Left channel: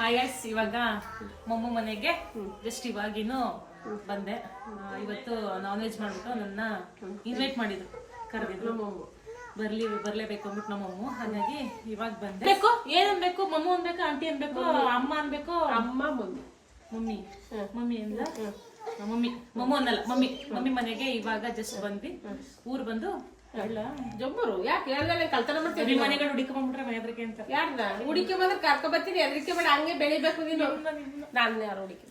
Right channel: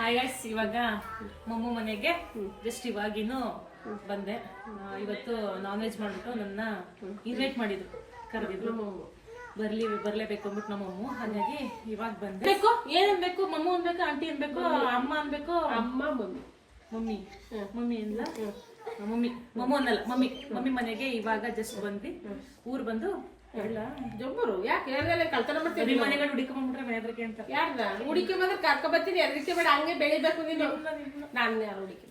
Hi guys, ಇವಾಗ ಮಮ್ಮು ಮನೆಗೆ just ಇವಾಗಿನೂ ಬಂದೆ. ಇವತ್ತು ನಾನ್ ವೆಜ್ ಮಾಡ್ಬಿಟ್ಟು ನನ್ನ ಇನ್ವೈಟ್ ಮಾಡಿದ್ರು, ಕರೆದಿದ್ರು. ಬರ್ಲೇಬೇಕು ಅಂದ್ಬಿಟ್ಟು ನಮ್ಮಮ್ಮ. ಹಾಗಾಗಿ ಇವಾಗ ಬಂದೆ. ಬೇಕು ಏನ್ ಅನ್ಬೇಕು? ಮಮ್ಮು ಅನ್ಬೇಕು, ಆಂಟಿ ಅನ್ಬೇಕು, ಅಮ್ಮ ಅನ್ಬೇಕು? ಅಮ್ಮ ಮಮ್ಮಿ ಮಮ್ಮಿ ಮಮ್ಮಿ ಅಲ್ಲ, ಮಮ್ಮಿ ಮಮ್ಮು ಅನ್ನಲ್ಲ, ಮಮ್ಮಿ ಮಮ್ಮಿ ಮನೆಗೆ ಇವಾಗ ಜಸ್ಟ್ ಬಂದ್ವಿ. ಊರ್ ಬಂದು ಜೊಬ್ಬರು ಯಾಕೆ ಯಾರೆಲ್ಲ ಕಲ್ತನ ಮಾಡ್ತೀವಿ? ಮನೆಗಳು ಹುಡುಕೊಂಡ್ಬಿಟ್ರೆ ಮನೆದ್ರಕ್ಕೆ ಅಂತ. ಯಾರನ್ನ ಹುಡುಕಿ ಬಂದ್ರೆ ಕರ್ಕೊ ಬರ್ತೀನಿ, ಅದಕ್ಕೆ ಬೇಡ, ಹಂಗೆ ಬೆಳಿಬೇಕು ನೀನು. ನಾನು ಯಾರು ಹುಡುಕಿ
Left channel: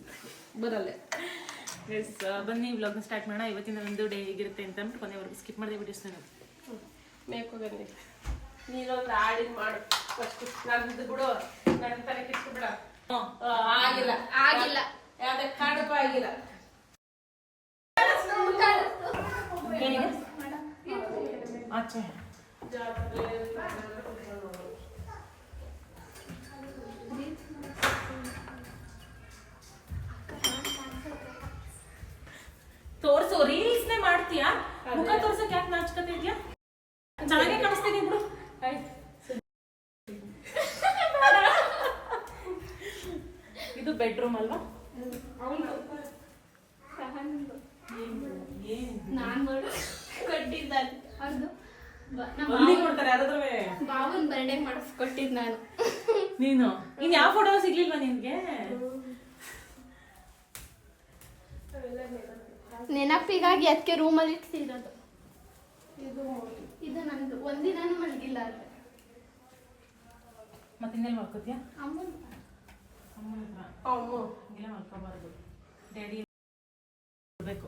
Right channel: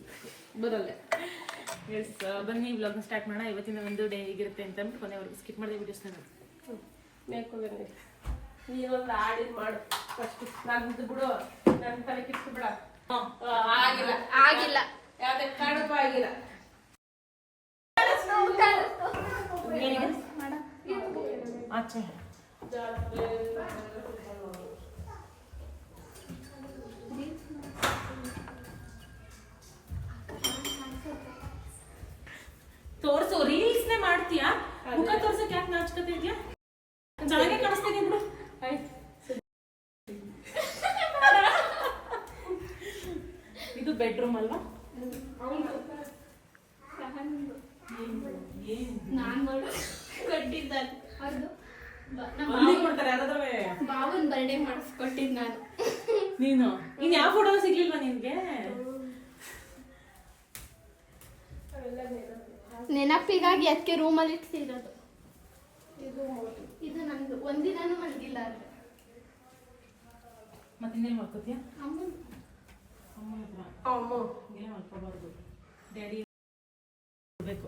ಬರಲ್ಲ. ಎಸ್, ಬನ್ನಿ ವ್ಲಾಗ್ನ ಸ್ಟಾರ್ಟ್ ಮಾಡೋಣ. ಇವತ್ತಿನ ಒಂದು ಡೇ ಹೇಗಿರುತ್ತೆ ಅಂತ ಅಂದ್ಬಿಟ್ಟು ಕೊನೆವರೆಗೂ ಸ್ಕಿಪ್ ಮಾಡಿದೆ ವಿಡಿಯೋಸ್ನ. ಮೇಕೋಗಂಗೆ ನೀನೊಂದು ಹಾಡಿನ ಮಾಡು ಫಸ್ಟ್. ನಂದು ಬಿಡು, ನನ್ನ ತಲೆ ಕಿತ್ತು ಬಿಡ. ಆಗಿಲ್ಲ ಆಗಿಲ್ಲ, ಯಾವ್ದೇ ಕಡಪ ಆಗಿಲ್ಲ. ಆಚೆ ತೋರ್ಸು, ರೀಲ್ಸ್ನೇ ಮಾಡ್ತೀಯಾ? ಮುಖ ತೋರ್ಸಕ್ ಯಾಕೆ ನಾಚ್ಕತೆ ಇದೆಯಾ? ಚೆನ್ನಾಗೇ ಕಾಣಿಸ್ತೀನಿ ಬಿಡು. ಇದು ಬೆಡ್ರೂಮ್ ಅಲ್ವಾ? ಬಾಬನ್ ಬರ್ಡೇ ಮಾಡಿಸ್ಕೊಟ್ಟಿದ್ ನಾನು. ನೀನು ಇನ್ ಯಾವ ಫೋಟೋ ಸಿಗ್ಲಿಲ್ವಾ ನಿನ್ಗೆ? ನೆನಪಿಗಾಗಿ ಅದಕ್ಕೆ ರೂಮಲ್ಲಿ ಇಟ್ಟಿರೋದು. ಇದು ನಂದು. ಒಂದಿನಾನು ಮಲಗಿಲ್ಲ ಅಲ್ಲ. ಮತ್ತೆ ಇನ್ನೇನು ಮಾಡ್ಕೋತೀಯ? ಅಮ್ಮನ ಹತ್ರ ಹಿಂಗೆಲ್ಲ ಮಾಡ್ಕೋಬಾರ್ದು. ಡ್ಯಾಡಿ ಬೇಕು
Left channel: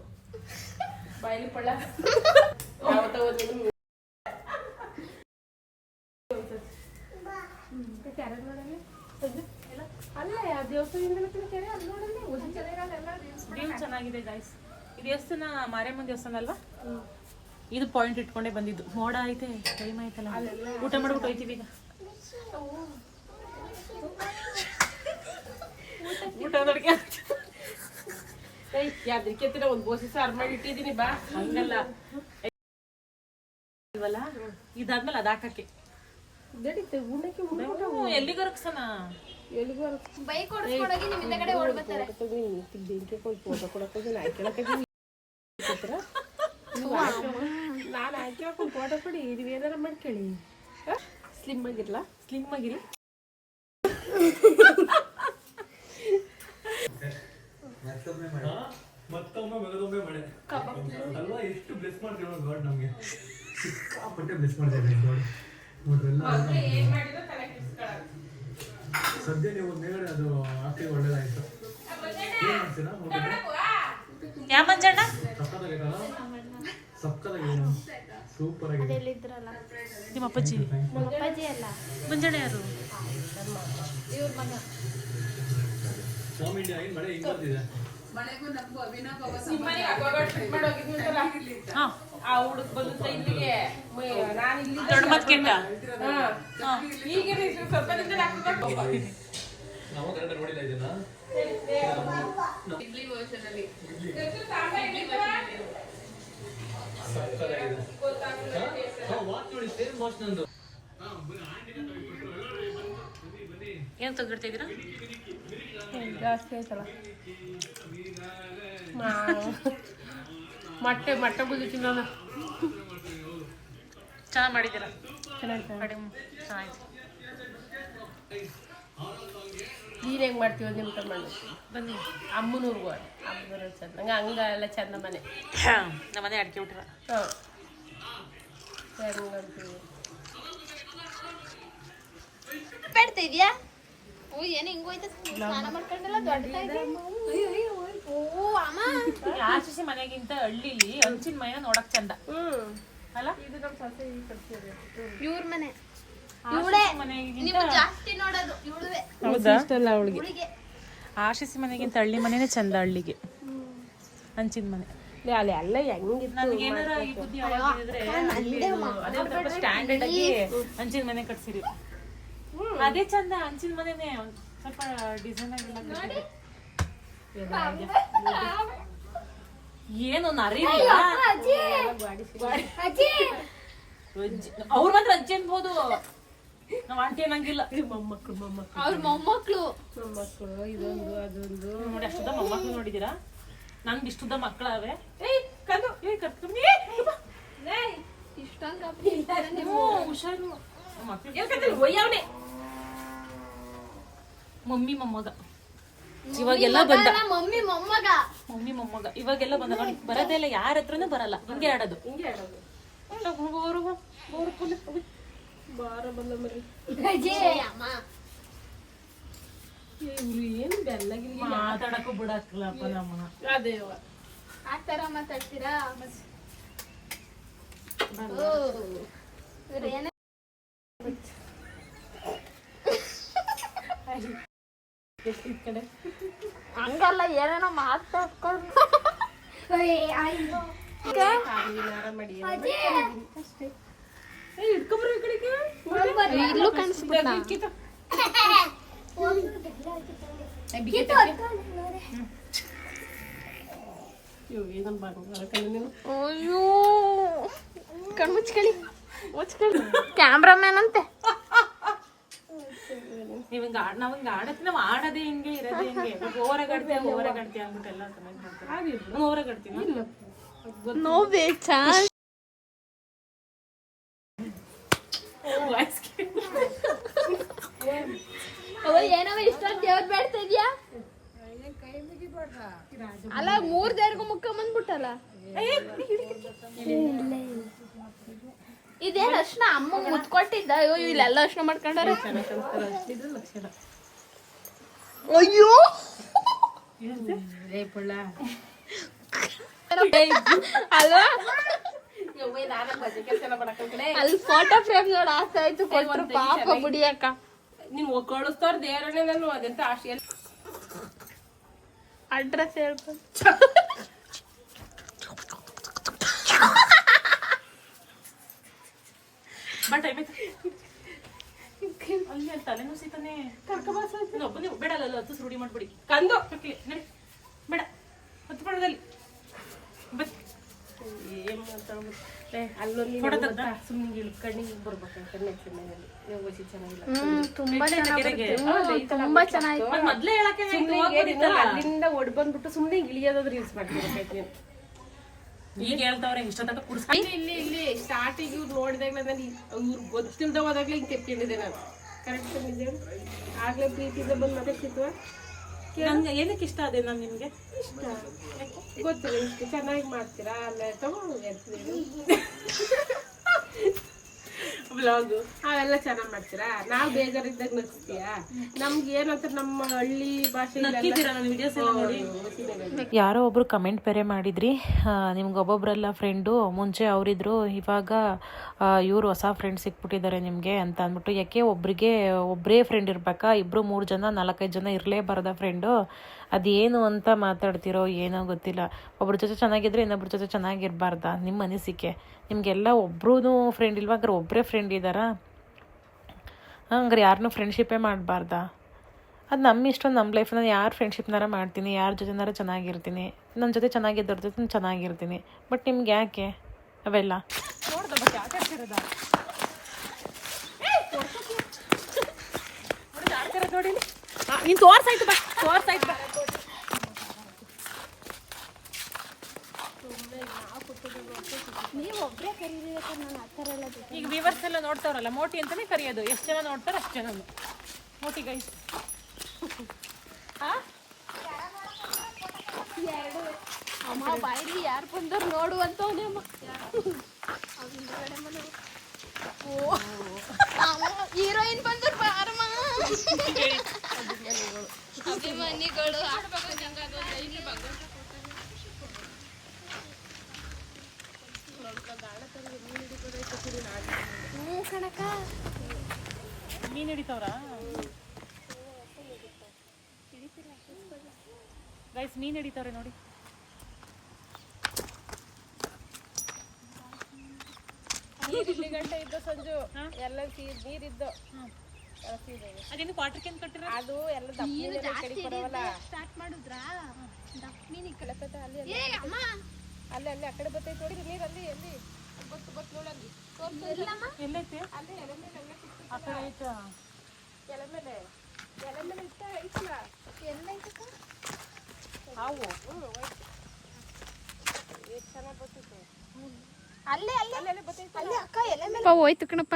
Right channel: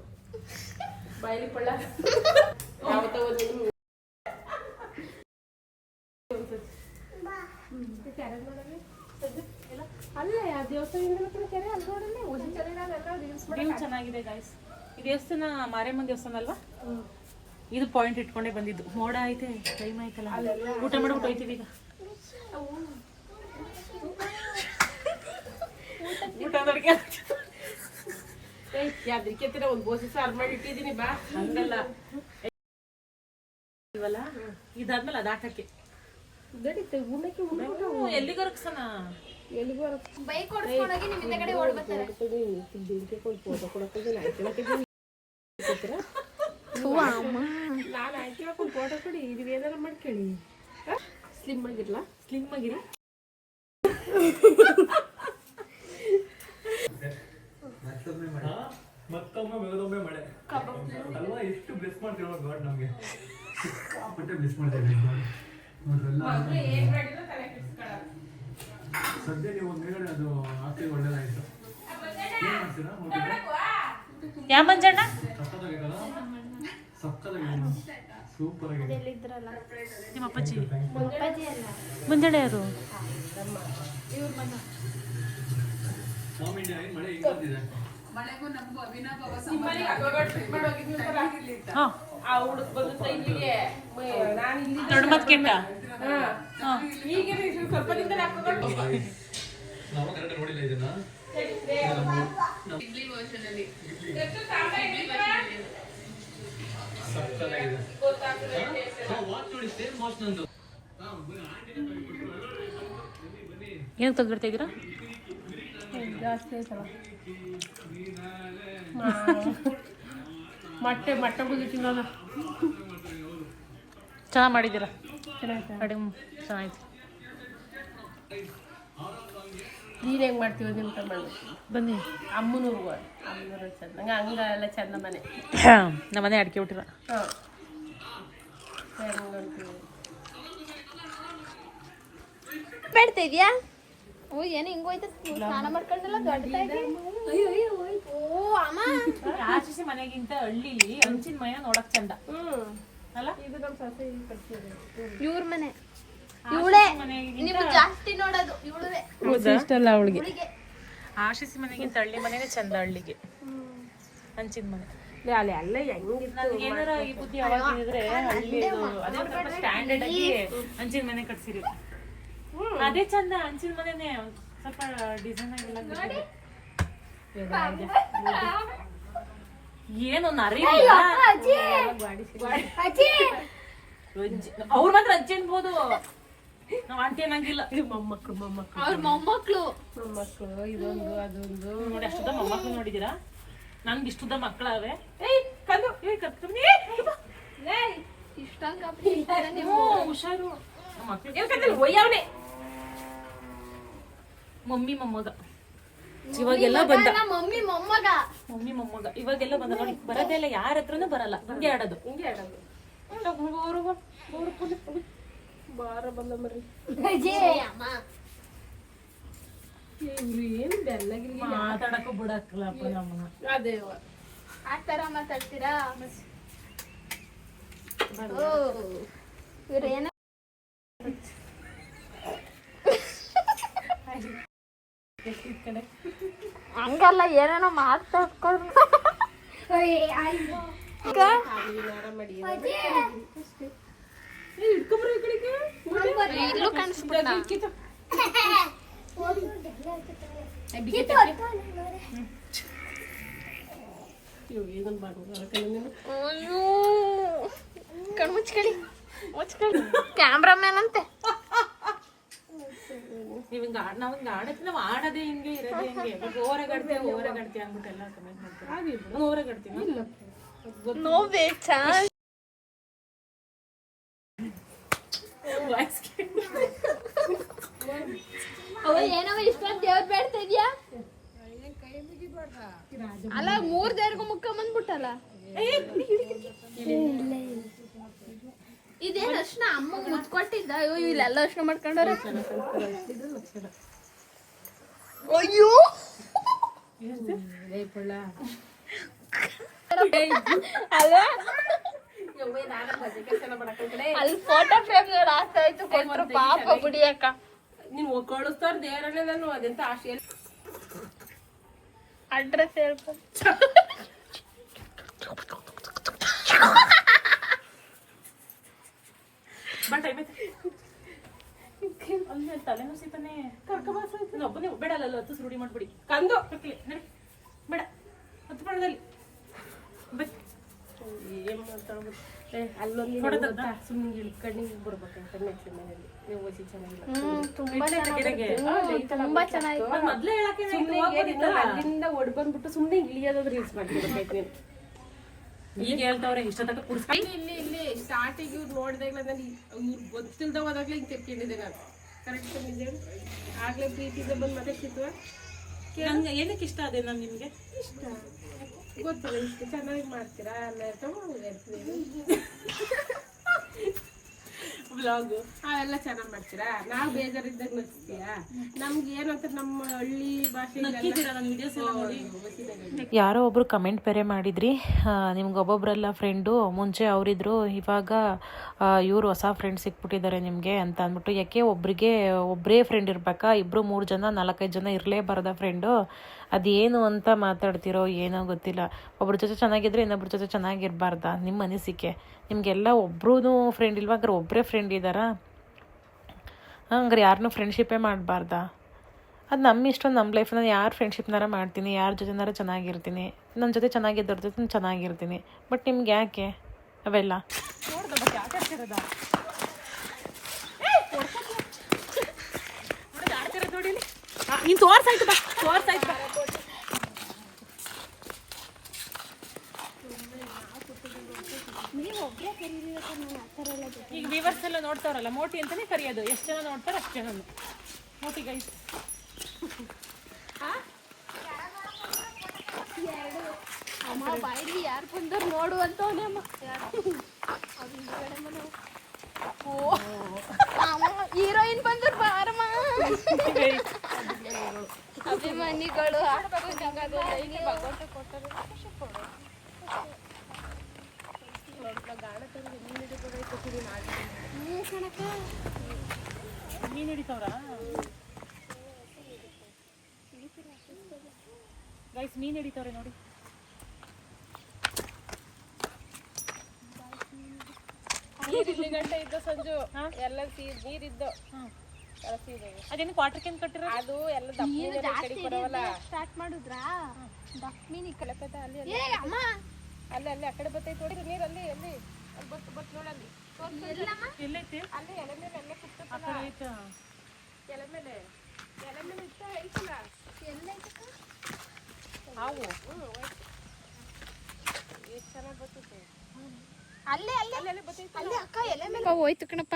ಬಾಯಿಲಿ ಪಳ್ಳ ಯಾವತ್ತ ಅಲ್ಲ ಯಾವ ದೇವಸ್ಥಾನ ಚೆನ್ನಾಗಿದೆ ಗಾಯ್ಸ್. ಈ ದೇವಸ್ಥಾನ ಮಾರಿಯಮ್ಮನ ದೇವಸ್ಥಾನ ಅಲ್ವಾ? ಇದು ಪಾಯಿಂಟ್ ಇಟ್ಕೊಂಡೇ ಬಂದಿದ್ದು. ಮೋಡ ಐತೆ, ಟೈಮ್ ಆಯ್ತಲ್ಲ, ಊಟ ಮಾಡ್ಬಿಟ್ಟು ಹೋಯ್ತೀವಿ ಈಗ. ಊಟ ನೋಡ್ಕೆ ಯಾವ್ದಕ್ಕೆತ್ತಿನ ಒಂದು ಬೋಸಿ ಸಾರು ಮಾಡಿ ಇಟ್ಟಿದ್ದೀನಿ ಬಾ. ಹಂಗಲ್ಲ ಇದಾದ್ಮೇಲೆ ಅದಾಕಕ್ಕೆ ಎಲ್ಲಿಗೆ ರಕ್ಷಣ ಬೈಕ್ ಓಡಿಸ್ಕೊಂಡೋಗಿ ನಿಮ್ಮ ಹಿಂದೆಗಡೆ ಓಡ್ಬರ್ತಾರೆ. ನಾನು ಆಯ್ಕೆ ಹಾಕೊಂಡು ಫೋಟೋ ಕೊಡಿ, ನೀವೇನಾರ ಮಾಡ್ಕೊಳ್ಳಿ. ಸ್ಲಿಮ್ ಆಗಿರ್ಲಾ? ಸ್ಲಿಮ್ ಆಗಿರಿ. ಮತ್ತೊಮ್ಮೆ ಮಗದೊಮ್ಮೆ ಮಾಡೆ ಅಲ್ವಾ? ಎಷ್ಟು ಬ್ಲೆಸ್ ಮಾಡ್ತೀವಿ ಗಾಡ್ ನಮ್ಗೆ. ಬ್ಲೆಸ್ ಮಾಡ್ತೀವಿ ಸದ್ಯ ನೀವು ಮೇಲ್ಗಡೆ ಅದು ಆಗ್ತಿದೆ, ಒಳ್ಳೇದಾಯ್ತು. ಏನ್ ಮಾಡ್ತೀರಾ? ಯಾವ ಮಂಜಣ್ಣ? ಸಕ್ಕತ್ತಾಗೈತಲ್ಲ, ಸಕ್ಕತ್ತಾಗಿದೆ, ಸೂಪರ್ ಆಗಿದೆ. ನಿಮ್ಮ ಅಪ್ಪಾಜಿ ನಮ್ಮ ಅಪ್ಪಾಜಿ ಅಲ್ಲ, ಮಂಜಣ್ಣ ಯಾರು? ಸ್ವಾಮಿ ಇಂಡಿಯಾ ಏನ್ ಮಳೆ ಹಿಂಗ್ ಬರ್ತಿದೆ? ಆ ಹುಡುಕ್ ಬಂದು ಇಲ್ಲಿಗೆ ನಾನು ಇಲ್ಲಿ ದೊಡ್ಡ ಮತ್ ಕೆಟ್ಟ ಈಗ ಸ್ವಲ್ಪದಿಂದ ನಾವು ಕರೆಕ್ಟ್ ನೋಡಿಲ್ಲ ಇದನ್ನ. ವಾಚ್ ನೋಡಿ, ಸೇಮ್ ವಾಚ್ ನಂದು. ಏನು ತೆಗ್ದಿಡ್ತಾ ಇದ್ದೀರಾ? ಜಾಸ್ತಿ ಆಯ್ತಲ್ಲ. ಮೊಟ್ಟೆ ಗುದ್ದಿಟ್ಟಿಲ್ಲ. ಚೆನ್ನಾಗಿ ಮಾಡಿದ್ದೀರಾ? ಚೆನ್ನಾಯ್ತು. ಚೆನ್ನಾಯ್ತು. ನೀನು ಹೆಂಗೆ ಮಾಡ್ತೀವಿ ನಿಮ್ಮ ತಗೊಂಡು ಬನ್ನಿ. ಅಮ್ಮನೂರ್ಗು ಅಮ್ಮನೂರು ಚಂದ. ನಂಗೆ ಹಂಗೆಲ್ಲ ಚಂದ ಮನೆ. ನಮ್ಮ ಮನೆ ಅಡಿಕೆ ಬಿಟ್ಟಿಲ್ಲ. ಹಾಂ ಹೆಂಗಂತೀವಿ ಬೇಡ್ತಾ ಇದೆಯಾ? ಓ ಏನು ಹಿಂಗೋಯ್ತು, ಸ್ನಾನ ಮಾಡ್ಕೊಂಡ್ರೆ ಓ ಅಮ್ಮ. ಆಚೆ ಮನೆಗಿಂತ ಹಳ್ಳಿಲಿ ಹಂಚಿನ ಮನೆ ನೋಡಕ್ ಚಂದ ಅಲ್ಲ? ಇದು ನಮ್ಮ ಸೊಸೆ ಕಟ್ಸಿದ್ರು. ಇವ್ರ ಮನೆ ಇವಳೇ ನೀವು ಜಾಸ್ತಿ ನೋಡೋದು ಇವಳೇ. ಇಷ್ಟಲ್ಲ ಅವಳಿಗೆ. ಆಶಿಸಿ ಮನೆಗಿಂತ ಹಳ್ಳಿ ಮನೆನೇ ಚಂದ. ಹಳ್ಳಿಗೆ ಹಂಚಿನ ಮನೆ ಅಲ್ಲಿ ಎಲ್ಲ ಹೆಂಗಿತ್ತು. ನಮ್ಗೆ ಏನಾರ ಈ ಬುದ್ಧಿ ಯಾವಾಗಿದ್ರೆ ಅದೇ ಸ್ವಲ್ಪ ಸ್ಟ್ಯಾಂಡರ್ಡ್ ಆಗಿ ಹಂಚಿನ ಮನೆ ಕಟ್ಸಿರಿ. ಅದೇ ಚಂದ. ಹಂಚಿನ ಮನೆನೇ ಸ್ವಲ್ಪ ಡಿಸೈನ್ ಆಗಿಲ್ಲ. ಏನು ನರಿ ಅವ್ರ ಮಾತ್ರ ಅಜ್ಜಿ ಅನ್ಬೋದು. ನಾವ್ ಆಂಟಿ ಅನ್ನಂಗಿಲ್ಲ. ಮೊಮ್ಮಕ್ಳು ಅವ್ರ ಮೊಮ್ಮಕ್ಳು ಇದೊಂದು ಅದೊಂದು ನೋಡಿ ಅಷ್ಟುದ್ದ ಮೊಮ್ಮಕ್ಳು ನೋಡಿದೀರಾ? ನನ್ಗೆ ಇಷ್ಟುದ್ದ ಮಕ್ಕಳವೆ. ಕಂದು ಇಷ್ಟಂಗ ಹುಷಾರು ಮಕ್ಳು. ಒಯ್ಯವನೆ ಮಮ್ಮಿ ಮೊಮ್ಮಗ ಇವಾಗೆಲ್ಲ ಬಂದ. ಮಮ್ಮಿ ಮೊಮ್ಮಗ ಮಮ್ಮಿ ಮೊಮ್ಮಗ ಇವಾಗೆಲ್ಲ ಬಂದ ನೋಡಿ. ಬರೋದೇ ಇಲ್ಲ, ಯಾರ ಹತ್ರನೂ ಬರಲ್ಲ. ಹಿಂಗೆ ಆಡೋದು. ಹಿಂಗೆ ಆಡೋದು. ಬಾರ ಬಂದ ಮರಿ ಅಮ್ಮ ಇವ್ರು ಏನು ಬೆಲ್ಲಗಿಲ್ಲ ಮಾತಾಡಕ್ಕೂ ಬಿಡಕ್ಲಪ್ಪ ನಮ್ಮನ್ನ. ಅದೇವ ಆ ತರ ಮಾತಾಡ್ತೀರಾ? ಇವ್ರೇನು ಈ ಕಡೆ ಹಂಗಲ್ಲ, ಏನೇನೋ ಮಾತಾಡ್ಕೊಂಡು ಮಾಡಿ ಇಲ್ಲೂ ಕಾಣಿಸ್ಬಿಡ. ಕ್ಯಾಮ್ರಾಮ್ಯಾನ್ ಅಂತೆ. ನಾವ್ ಹಿಂಗ ಆಡತ್ತೆ. ನಾವ್ ಆಡೋದೇ ಹಿಂಗೆ, ಇರೋದೇ ಹಿಂಗೆ. ಓವರಾಗಾಡ್ತೀಯ ಅಂದ್ಬಿಟ್ಟು ಎಲ್ಲ ಕಮೆಂಟ್ ಮಾಡ್ತಾರೆ. ನಾನು ಓವರಾಗಾಡ್ತೀನಿ. ಏನೋ ಇಷ್ಟೊಂದು ದೇವ್ರ ಬೇಡ್ತಾ ಇದ್ಯಾ? ಅಲ್ಲ 3 ದೇವ್ರಿಗೂ ಮುಖ ಬಂದ್ಬಿಟ್ಟಲ್ಲ. ಇದೇನ್ ಅರ್ಶನ ಅಮ್ಮ ಮುತ್ಕೊಟ್ಟಿದ್ದ? ಅಯ್ಯೋ ಇಲ್ಲೆಲ್ಲ ಅರ್ಶನ ಮಾಡ್ಕೊಂಡಾರೆ. ಅಯ್ಯೋ ಅಲ್ಲ ಅಲ್ಲಿ ಫೋಟೋ ಫ್ರೇಮ್ ನೋಡಿ ಆಗ್ತಾ ಇತ್ತು. ಪಾಪ ಬಿಡಿಯಕ್ಕ ನೀನ್ ಕಳಿಸ್ತಾರ ದೇವರನ್ನೇ. ನಾನು ಅದೆಂತ ಆಶೆ ಅಡ್ರೆಸ್ ಹೇಳ್ಕೊಂಡು ಬಟ್ ಅಲ್ಲಿ ತಲೆನೂ ಸೀತಾನೆ ಒಬ್ಬನೇ ಬೇಡಲ್ಲ. ಹತ್ತು ರೂಢಿ ಮಾಡ್ಬಿಡಿ. ಕಂದು ನಡಿ ಬೇಡ, ಹತ್ತು ಪಣದಲ್ಲಿ ಏನ್ ಮಾತಾಡ್ಬೋದು. ಅಲ್ಲೊಂದು ಸುಮ್ಮನೆ ಇಳ್ಕಂಡು ಬರ್ಬೇಕಂತ ನೆಕ್ಸ್ಟ್ ಮನೇಲಿ ನೀವು ಓದಿ ಚೆನ್ನಾಗಿಲ್ಲ. ಮೊದ್ಲೇ ಹೇಳಕ್ಕೆ ಅಲ್ಲಿಂದ ಒಡ್ ಬಂದ್ಬಿಟ್ಟು ಸುಮ್ಮನೆ ಇಳಿಯೋದಾದ್ರೆ ಯೂಸ್ ಮಾಡ್ತಿರ್ಬೇಕು. ಈಗ ಹೇಳ್ತಾವ್ರೆ ಇಷ್ಟೊತ್ತ ಕುಡಿಸ್ಕೊಂಡು ಇಲ್ಲಿ ಸ್ಟಾರ್ಟಿಂಗ್ ಇವ್ರು ನೋಡಿದಾಗ್ಲ ನಾನು ಇವ್ರು ಗೊತ್ತಿಲ್ದ ಹೋದಾಗ್ಲೇ ಹಿಂಗೆ ತೆಪ್ಕೊಂಡಿದ್ದೆ ನಾನು. ಕರೆಕ್ಟ್ ನಿಜ ಆಗ್ಲೇ ಪ್ರೀತಿಯಿಂದ ಬಂದು ಮಾತಾಡ್ತಿದ್ವ. ನಂಗೆ ಏನಕ್ಕೆ ಇಷ್ಟ ಅದೇ ನಾನು ನಿಮ್ಗೆ ಇಷ್ಟ ಗೊತ್ತಿಲ್ಲ. ಇಷ್ಟು ಚೆನ್ನಾಗಿ ಮಾಡ್ತೀರಾ ಅಲ್ಲ ವ್ಲಾಗು ಅವೆಲ್ಲ ಚೆನ್ನಾಗಿ ಮಾಡ್ತೀರಾ. ನಾವು ಬೇಜಾರಿದ್ದಾಗ ನಗ್ಸ್ತೀಯಾ. ನಮ್ಗೆ ಏನಂತ ನಮ್ಮ ಹಳ್ಳಿ ಭಾಷೆ ಯಾರೋ ಒಬ್ರು ಕಮೆಂಟ್ ಬೇರೆ ಮಾಡಿದ್ರಿ, ನಿಮ್ಗೆ ಒಬ್ಬೊಬ್ರೆಲ್ಲ ಫ್ರೆಂಡು ಮುಂಚೆ ಅವರಿದ್ರು, ಇವಾಗ ಇವರು ಹೊಸ ಫ್ರೆಂಡ್ ಸಿಕ್ಬಿಟ್ಟಿದ್ದಾರೆ ನಿಮಗೆ ಅಂತ ಅಂದ್ಬಿಟ್ಟು. ಯಾಕೆ ಒಬ್ಬರೇ ಫ್ರೆಂಡ್ ಇರ್ಬೇಕಾ? 2, 3 ಜನ 4, 5 ಜನ ಇರಲೇಬಾರ್ದ ಫ್ರೆಂಡು? ಅದೇನು ಅಂತ ಮಾತಾಡ್ತಿರೋ ಏನೋ ಗೊತ್ತಿಲ್ಲ. ಒಬ್ರ ಜೊತೆ ಚೆನ್ನಾಗಿದ್ರೆ ಇನ್ನೊಬ್ರ ಜೊತೆ ಚೆನ್ನಾಗಿರ್ಬಾರ್ದಾ? ನಿಮ್ಮ ಅನಿಸಿಕೆ. ನಿಮಗೆಲ್ಲ ಒಬ್ರೂ ಫ್ರೆಂಡ್ ಇಲ್ವಾ? ಹಂಗಾರೆ ಒಬ್ಬರೇ ಫ್ರೆಂಡ್ ಇದ್ದಾರಾ? ಹಂಗಾರೆ ಯಾರನ್ನೂ ಫ್ರೆಂಡ್ಶಿಪ್ಪೇ ಮಾಡಬಾರ್ದಾ? ಅದು ನಮ್ಮ ಇಷ್ಟ, ನಮ್ಮ ಲೈಫ್. ನಾನು ಯಾರು ಫ್ರೆಂಡ್ಶಿಪ್ನಾರ ಮಾಡ್ತೀನಿ, ಯಾರ ಜೊತೆನಾರ ಚೆನ್ನಾಗಿರ್ತೀನಿ, ನನ್ನ ಜೊತೆ ಚೆನ್ನಾಗಿದ್ದವ್ರ ಜೊತೆ ನಾನು ಚೆನ್ನಾಗಿರ್ತೀನಿ. ಬಟ್ ನಿಮ್ಗೆ ಯಾಕೆ ಅವೆಲ್ಲ? ನೀನು ತೋರ್ಸಾಯ್ತು ಬಾ, ತೋರ್ಸಾಯ್ತು ಬಾ. ಈಗ ವ್ಯೂವರ್ಸ್ ಎಲ್ಲ ನೋಡ್ತಾವ್ರಲ್ಲ, ಮೋಟಿ ಅಂತಾನೆ ಕರೆಯೋದು. ಎಷ್ಟು ಜನ ನೋಡ್ತಾರೆ ಅಷ್ಟು ಜನ ಮೋಟಿ ಗೈಸ್. ಅಮ್ಮ ಬಾಯಿಲಿ ಯಾರು ಬಂದವ್ರು ನೋಡುವಂತವನೇ ಅಮ್ಮ. ಹೀರೋಯಿನ್ ಬಂದ್ರು ಬಾರಮ್ಮ. ಅಭಿಮಾನಿಗಳು ಕಣಕ ಮೀನು ಹಿಡಿತಾವ್ರ ಗೈಸ್, ಮೀನು ಹಿಡಿತಾವ್ರೆ ನೋಡಿ. ಗಂಟೆ ಇದ್ದ ಸಂಜು ಎಲ್ಲ ನೀರಿದ್ದು ಅದೇನು ಪಾತ್ರಕ್ಕೆ ಕಟ್ಟಿರ ಅದು ಎಲ್ಲ ದಪ್ಪ ಸ್ಟಾರ್ಟ್ ಮಾಡಿದ್ರಾ? ಮೀನಿ ಕಲಕತ್ತ ಅಲ್ಲಿ ಅಲ್ಲಿ ಆ ಕಡೆ ಬರ್ತೈತೆ ನೋಡಿ ನೀರಲ್ಲಿ. ಅಲ್ಲಿ ಬತ್ತು ನೋಡಲ್ಲಿ ಎಲ್ಲೈತಿ ಅಲ್ಲೇ ಎಲೆ ಮೇಲೆ ಅಲ್ಲೇ ಆ ಕುತ್ಕೊತಲ್ಲ ಕಡೆ ಆಯ್ತಾ ಎಲೆ ಮೇಲೆ ಐತಲ್ಲ ಹಾವು ಎಷ್ಟು ಚೆನ್ನಾಗಿ ಬರ್ತೈತೆ ಅಲ್ಲೇ ಅಕ್ಕ ಎಲೆ ಮೇಲೆ ಹೋಯ್ತು ಕಣಪ್ಪ.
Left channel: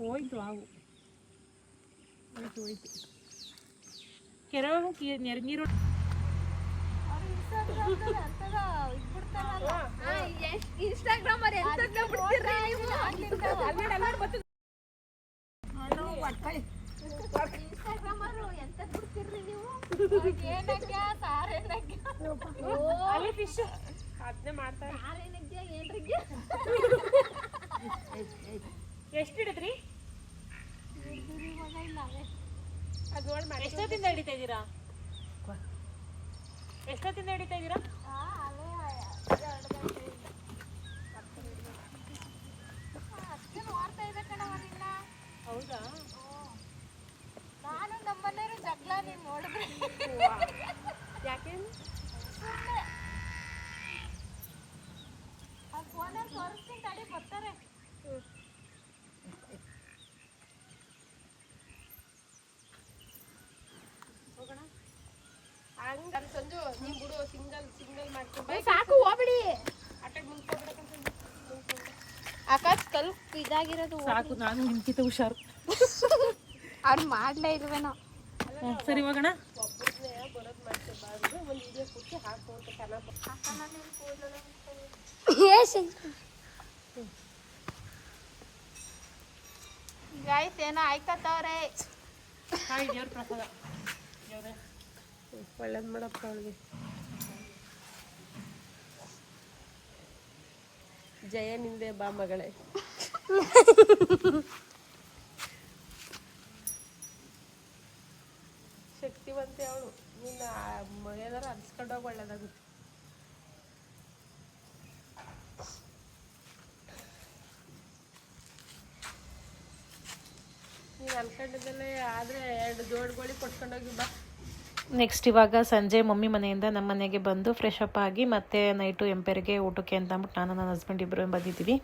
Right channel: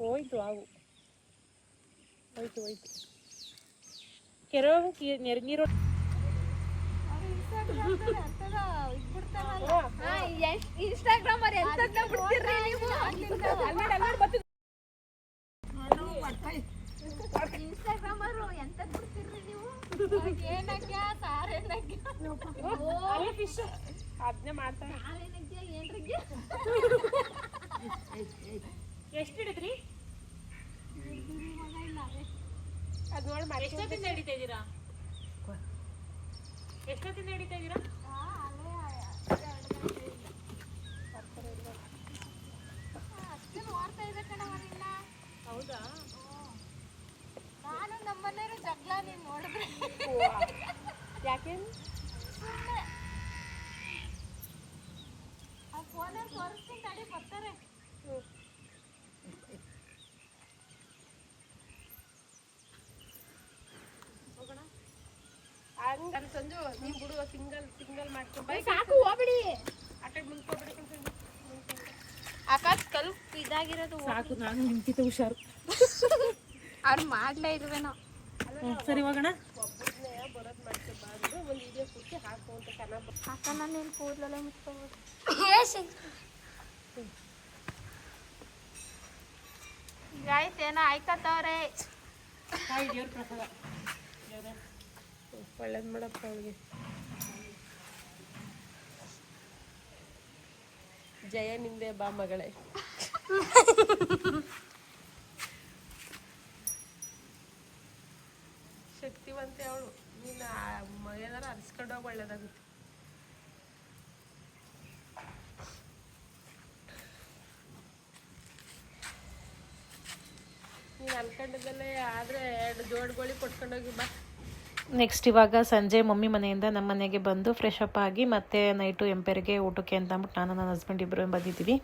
ಹೋಯ್ತು ಹಾವು ಹೋಯ್ತು ಕೆರೆ ನೀರು ಇನ್ಸ್ಟಾಗ್ರಾಮ್ ಇನ್ಸ್ಟಾಗ್ರಾಮ್ ಎಂತದ್ ಬಿಡ್ತಿರ್ರಿ ನೀವು? ಏನಕ್ಕ ಸಾರೇನಕ್ಕ ಅಲ್ಲೇ ಫಿಶ್ ಅದನ್ನೇ ಮಾಡ್ತಾರೆ ಸಾರೇನಕ್ಕ ಏನ್ರಿಗೆ ಎಷ್ಟು ಹಿಡಿದ್ರಿ ಮಗ ಇಲ್ಲ ಅದು ನೋಡಿ ಮಾಡಿ ಎಷ್ಟೊತ್ತಿಂದ ಹಿಡಿತಾ ಇದ್ದೀರಾ ಅಷ್ಟೇ ನೋಡ್ತಾ ಇದೆ ಕಣವ ನಿನ್ನ. ಹೌದಾ ನಾನು ನಮ್ಮನೆಯವರು ಜಗಳ ನೀನ್ ನೋಡಿದ್ರೆ ಯಾಕೆ ಸುಮ್ಮನೆ ಆ ಫೋನಲ್ಲಿ ತೋರಿಸ್ತೀನಿ ತಡಿ ಬರ್ತಾರೆ. ಹಂಗ ಸಂಜು ನೀವು ಬಿಡು ಸಿಂಗಲ್ ಮಾಡ್ಕೊಂಡು ಸಾಕು ಹೋಗ್ಬಿಡಿ. ಆಟಕ್ಕೆ ಮುಂದ್ಕೊಬಿಡಕ್ಕೆ ಆಕಾಶ್ ಕಲ್ ಇದಾಗಿರೋದು ಸಾಕು ನಾನು ನಿಮ್ಗಿಂತ ಹುಷಾರು ಅವ್ರು ಮಾಡ್ಲೇ ಇಲ್ವೇನೋ. ಸರಿ ಹೋಗೋಣ ಅಕ್ಕ ನಾನು ಇಲ್ಲಿ ಕೂದಲೆಲ್ಲ ಮುಚ್ಕೋಬೋದು. ಗಾಯ್ಸ್ ಏನೋ ಆಯ್ಕತ್ತವ್ರೆ. ಹಾಯ್ ದೇವ್ರ ಪ್ರಸಾದ ದೇವ್ರೆ ಒಳ್ಳೇದು ಮಾಡಪ್ಪ ಅವಳಿಗೆ ಜಯ ನಿಂದೆ ಬಾ ಮಗಳೇ ಶಕ್ತಿವಂತೆ ಅವಳು ನೀನು ಏನಾರು ಅನ್ಸ್ಕೊಂಡೋಗಿ ಒಳ್ಳೇದಾಗುತ್ತೆ ನೀನು ಅನ್ಕೊಂಡಿದ್ದಲ್ಲೇ ಆದರೆ 2 ಜೋಡ್ಗಳಿಗೆ ಕೊಟ್ಕೊಂಡೋಗಿ ಬಾ. ನೆಕ್ಸ್ಟ್ ಇವಾಗ ಸಂಜೆ ಮಮ್ಮಿ ಮನೆಯಿಂದ ನಮ್ಮ ಮನೆಗೆ ಬಂದು ಫ್ರೆಶ್ ಅಪ್ ಆಗಿ ಮತ್ತೆ ನೈಟು ಎಂಪೇರ್ಗೆ ಊಟಕ್ಕೆ ಅಂತ ಅಂದ್ಬಿಟ್ಟು ನಾನು ನನ್ನ ಹಸ್ಬೆಂಡ್ ಇಬ್ಬರು ಬಂದಿದ್ದೀವಿ.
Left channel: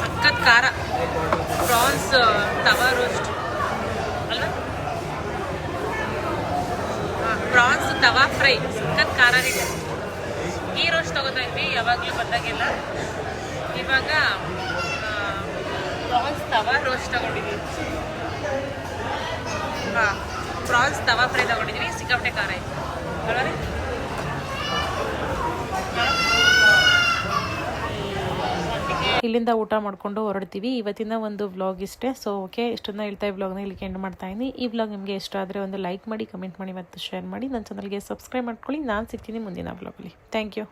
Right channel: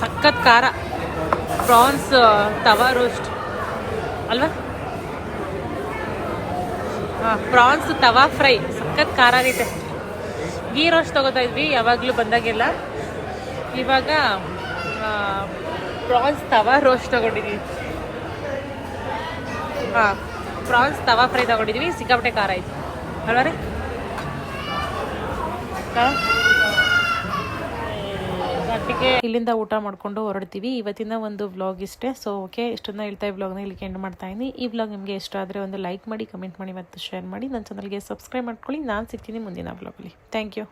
ಸಖತ್ ಖಾರ ಪ್ರಾನ್ಸ್ ತವಾ ರೋಸ್ಟ್ ಅಲ್ವಾ? ಹಾಂ ಪ್ರಾನ್ಸ್ ತವಾ ಫ್ರೈ ಸಖತ್ ಖಾರ ಆಗೈತೆ. ಗೀ ರೋಸ್ಟ್ ತೊಗೋತಾ ಇದ್ವಿ ಯಾವಾಗಲೂ ಬಂದಾಗೆಲ್ಲ. ಇವಾಗ ಪ್ರಾನ್ಸ್ ತವಾ ರೋಸ್ಟ್ ತೊಗೊಂಡಿದ್ವಿ. ಹಾಂ ಪ್ರಾನ್ಸ್ ತವಾ ಫ್ರೈ ತೊಗೊಂಡಿದ್ವಿ. ಸಿಕ್ಕಾಪಟ್ಟೆ ಖಾರ ಇತ್ತು. ಇಲ್ಲಿಂದ ಊಟ ಮಾಡ್ಕೊಂಡು ಹೊರಡ್ತೀವಿ. ಇವತ್ತಿನ ಒಂದು ವ್ಲಾಗ್ ಇಷ್ಟೇ. ಸೊ ಓಕೆ, ಇಷ್ಟನ್ನ ಹೇಳ್ತಾ ಈ ವ್ಲಾಗ್ನ ಇಲ್ಲಿಗೆ ಎಂಡ್ ಮಾಡ್ತಾ ಇದ್ದೀನಿ. ಈ ವ್ಲಾಗ್ ನಿಮಗೆ ಇಷ್ಟ ಆದರೆ ಒಂದು ಲೈಕ್ ಮಾಡಿ, ಕಮೆಂಟ್ ಮಾಡಿ ಮತ್ತು ಶೇರ್ ಮಾಡಿ. ನನ್ನ ಚಾನಲ್ಗೆ ಸಬ್ಸ್ಕ್ರೈಬ್ ಮಾಡ್ಕೊಳ್ಳಿ. ನಾನು ಸಿಗ್ತೀನಿ ಮುಂದಿನ ವ್ಲಾಗಲ್ಲಿ. Thank you.